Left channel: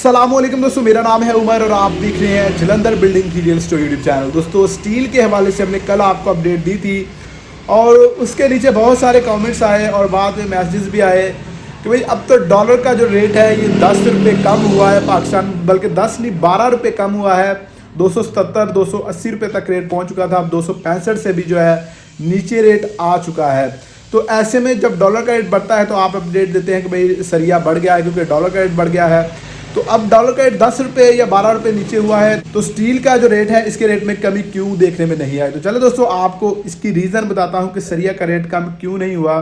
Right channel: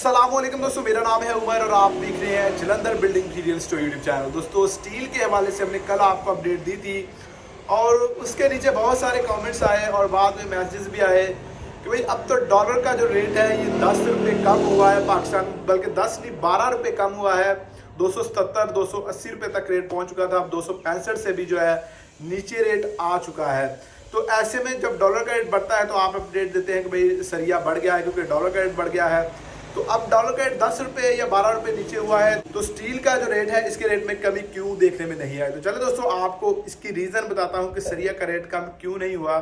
अस्सलामुअलैकुम दोस्तों, मेरा नाम है उमर और आप देख रहे हैं Jalandhar building material store YouTube channel. दोस्तों, स्टील के हवाले से हमने कल आपको अपडेट दी थी और उसके नीचे बहुत सारे कमेंट्स आए और बाद में मैसेजेस भी आए कि भाई अब तो डॉलर का जो रेट है ये 10 रुपये कम हुआ है पाकिस्तान, बल्कि 10 नहीं 12 रुपये कम हुआ है। 277 280 रुपये तक रेट पहुँच चुका था, अब 265 से भी जो है नीचे रेट आ चुका है। तो ऐसे में जब डॉलर का रेट बढ़ता है तो आप अपडेट देते हैं कि भाई सरिया बढ़ गया है क्योंकि डॉलर का रेट बढ़ गया है। तो अब डॉलर का रेट 10 रुपये या 12 रुपये नीचे हुआ है, तो स्टील का जो रेट है इसके रेट में कमी क्यों देखने में नहीं आई। तो चलो दोस्तों, आपको इसकी रीज़न बताता हूँ कि सरिया का रेट कम क्यों नहीं हुआ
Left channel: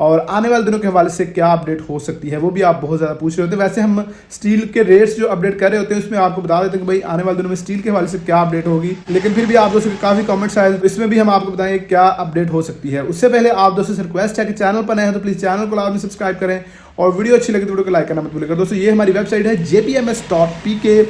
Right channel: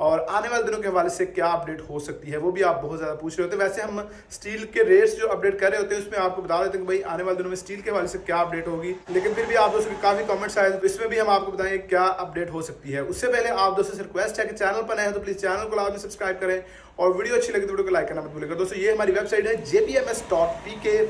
और आने वाले दिनों के हवाले से क्या अपडेट हो सकती है, वो भी आप बहुत ज़्यादा पूछ रहे होते हैं। वैसे हम स्टील के रेट्स जो अपडेट कर रहे होते हैं उसमें आपको बता देते हैं कि भाई आने वाले दिनों में स्टील के हवाले से क्या अपडेट होगी, लेकिन फिर भी आप दोस्तों के काफ़ी कमेंट्स आए, इसमें भी हम आपको बताएंगे क्या अपडेट हो सकती है। उससे पहले आप दोस्तों से रिक्वेस्ट है कि चैनल पर नए हैं तो प्लीज़ चैनल को लाजमी सब्सक्राइब करें और वीडियो अच्छी लगे तो वीडियो को लाइक करना मत भूलिएगा। दोस्तों, ये हमारी वेबसाइट है jpms.pk।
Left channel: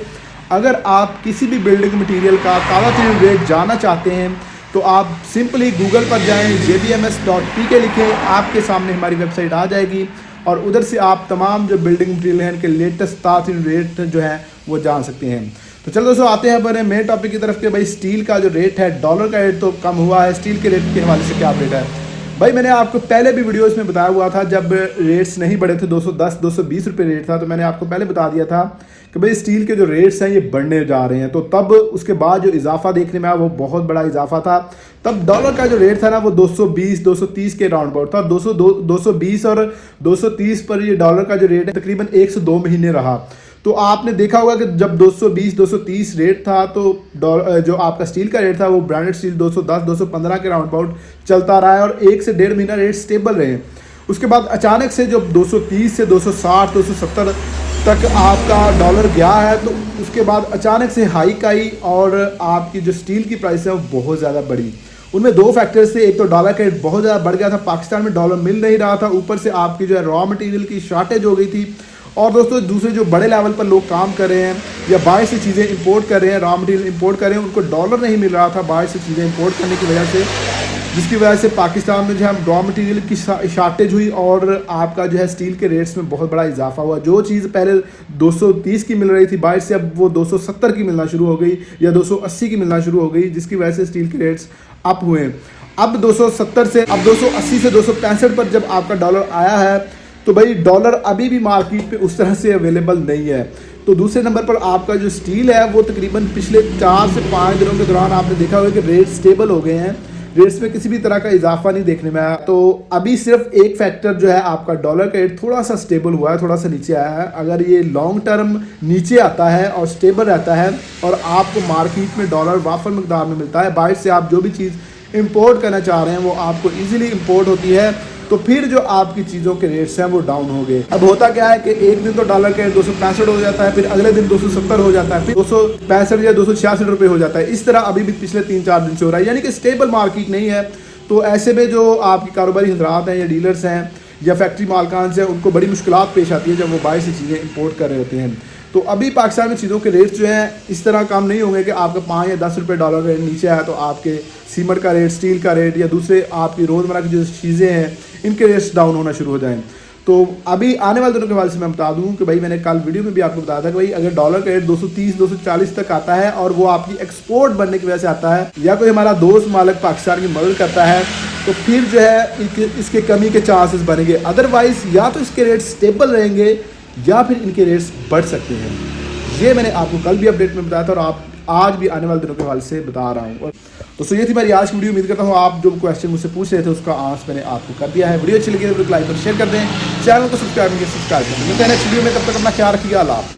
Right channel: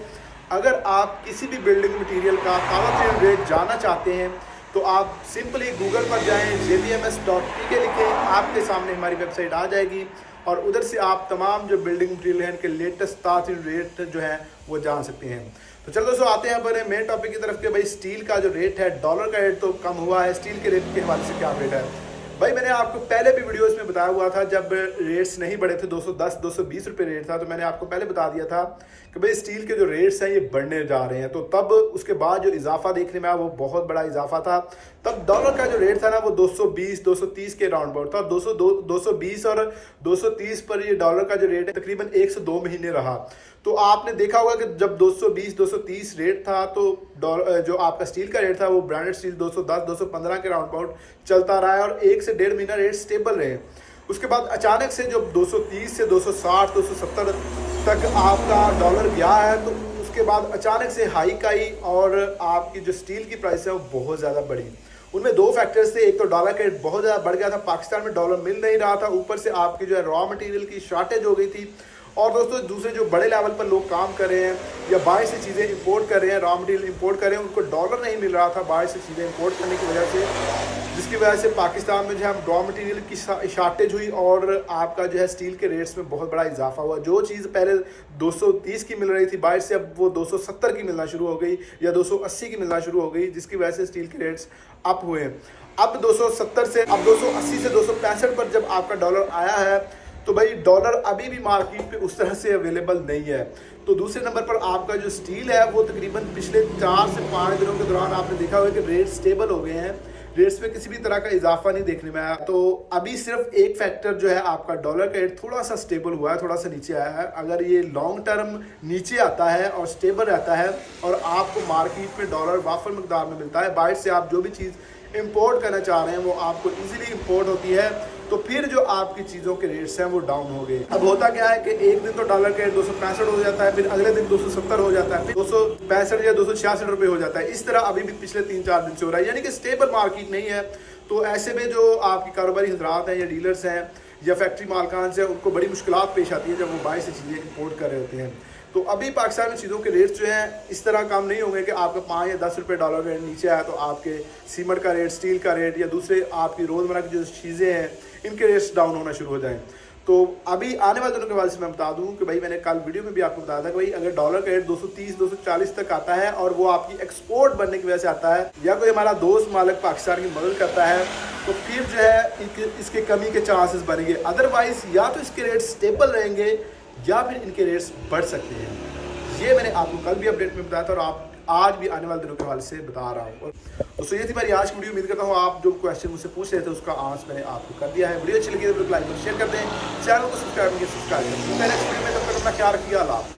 अगर आप किसी भी बिल्डिंग मटेरियल का ताज़ा तरीन रेट जानना चाहते हैं तो आप सिंपली गूगल पर जाएं, jpms.pk लिखें, आपके सामने हमारी वेबसाइट आ जाएगी और उधर से आप तमाम जो बिल्डिंग मटेरियल हैं इनके लेटेस्ट ताज़ा तरीन रेट जो है वो जान सकते हैं। तो चलो दोस्तों, आते हैं अपने मेन टॉपिक की तरफ कि भाई स्टील का जो रेट है, डॉलर का रेट तो कम हुआ है, स्टील के रेट के हवाले से क्या अपडेट है। भाई मैंने आपको पहले भी वीडियोस में बताया हुआ था, जब रेट्स नहीं बढ़े थे 210 220 रुपये रेट था, तो मैंने आपको पहले बता दिया था कि भाई स्टील के जो रेट्स हैं ये बढ़ने जा रहे हैं। तो तब उसके बाद जो इजाफा देखने में आया वो बहुत बड़ा इजाफा था। तब डॉलर का जो रेट था ना वो 220 230 के राउंड अबाउट था। 220 और 230 पर ये डॉलर का जो रेट है तकरीबन 1 से 2 महीने रहा। तो आपने देखा होगा कि जब 220 230 रेट था तो जो आपका स्टील का रेट था वो ब्रांडेड स्टील 210 215 के राउंड अबाउट चलता रहा है और 1 से 1.5 महीना रेट स्टेबल रहे। उसके बाद अचानक से जब 230 से 260 270 तक आपका डॉलर गया है, तो उसके बाद अचानक से हाइक आई और आपकी जो स्टील की प्राइस है वो बहुत ज़्यादा बढ़ी। उनमें दो फैक्टर्स थे, एक तो डॉलर का रेट बहुत ज़्यादा बढ़ गया था, पाकिस्तान में डॉलर मिल नहीं रहा था, ऊपर से आपकी जो है रॉ मटेरियल की शॉर्टेज हो गई थी। और दोस्तों, दूसरे जो बड़े लेवल पर लोग काम कर रहे हैं या बाहर से चीज़ें इंपोर्ट कर रहे हैं, रॉ मटेरियल इंपोर्ट कर रहे हैं, उनको डॉलर नहीं मिल रहा था बाहर से चीज़ें इंपोर्ट करने की वजह से, जिसकी वजह से पाकिस्तान में जो है रॉ मटेरियल की शॉर्टेज हुई और आपका जो है स्टील के रेट्स में बहुत बड़ा इजाफा हुआ। जो चीज़ पहले 230 की मिल रही थी बाहर से, अब वो 270 की मिलना शुरू हो गई या 280 की मिलना शुरू हो गई, जिसकी वजह से स्टील के रेट्स अप हुए। अब 270 से अब 280 से 265 पर जब आपका डॉलर आया है तो भाई डॉलर अभी भी मार्केट पे उस तरह से अवेलेबल नहीं है। तो दूसरे नंबर पर आपका जो स्टील है वो तकरीबन पिछले 4 से 5 दिनों के दौरान आपने देखा होगा कि रेट स्टेबल हो गए हैं, रेट्स में किसी भी तरह का इजाफा नहीं देखने में आया। तो अभी सिर्फ एक फैक्टर जो है आपका डॉलर का रेट थोड़ा सा स्टेबल हुआ है, थोड़ा सा नीचे आया है। अगर ये लॉन्ग टर्म नीचे आता है और स्टेबल रहता है और आपको मार्केट में डॉलर वाफर मकदार में मिलता है, बाहर से आप जो भी चीज़ इंपोर्ट करना चाह रहे हैं वो आपको ईजिली इंपोर्ट होती है, तो फिर जो आपकी चीज़ों के रेट्स हैं वो डाउन हो गए। अब होता क्या है कि एक दिन तो डॉलर का रेट 265 हो जाता है, फिर अगले दिन 270 हो जाता है, फिर 265 या 266 रुपये हो जाता है। इस तरह अभी भी पिछले 3-4 दिन से हो रहा है, यानी कि स्टेबल मार्केट नहीं है। तो ऐसे में जो आपकी कारोबारी हजरात हैं या डीलर्स हैं या फैक्ट्री मालकान से उनको बड़ी मुश्किलात पेश आती है जब वो बाहर से चीज़ें इंपोर्ट कर रहे होते हैं। तो अभी पाकिस्तान में चीज़ों के रेट जो हैं इस तरह कम नहीं होंगे कि आपका 5 या 10 रुपये डॉलर का रेट नीचे आया तो आपके सीमेंट का रेट, स्टील का रेट या दूसरे आपकी रोज़मर्रा की जो चीज़ें हैं इनके रेट्स डाउन होना शुरू हो जाएं। तो अभी आने वाले दिनों के हवाले से मैं बता दूं कि भाई मैंने कल वीडियो में भी आपको बताया था कि भाई अगर डॉलर का रेट 230 240 तक आता है और वो आपकी एक्सपोर्ट बनने की वजह से आता है या कोई हमारा दोस्त मालिक पाकिस्तान की मदद करता है तो फिर जो है इसके कमी के चांसेस बनेंगे। अदरवाइज या तो इसके रेट स्टेबल रहेंगे या फिर इनके रेट्स बढ़ सकते हैं। ये मैंने आपको कल भी अपडेट में बताया था और आप आज भी आने वाले दिनों के हवाले से बता रहा हूँ। दोस्तों, ये थी मेरी आज की वीडियो। उम्मीद करता हूँ आप जो क्वेश्चन मुझसे पूछ रहे थे उसका आंसर मैंने आपको कर दिया है। वीडियो अच्छी लगी तो वीडियो को लाइक और शेयर कर दें, चैनल को सब्सक्राइब कर दें। मिलते हैं नेक्स्ट वीडियो में, तब तक अपना ख्याल रखिएगा। अल्लाह।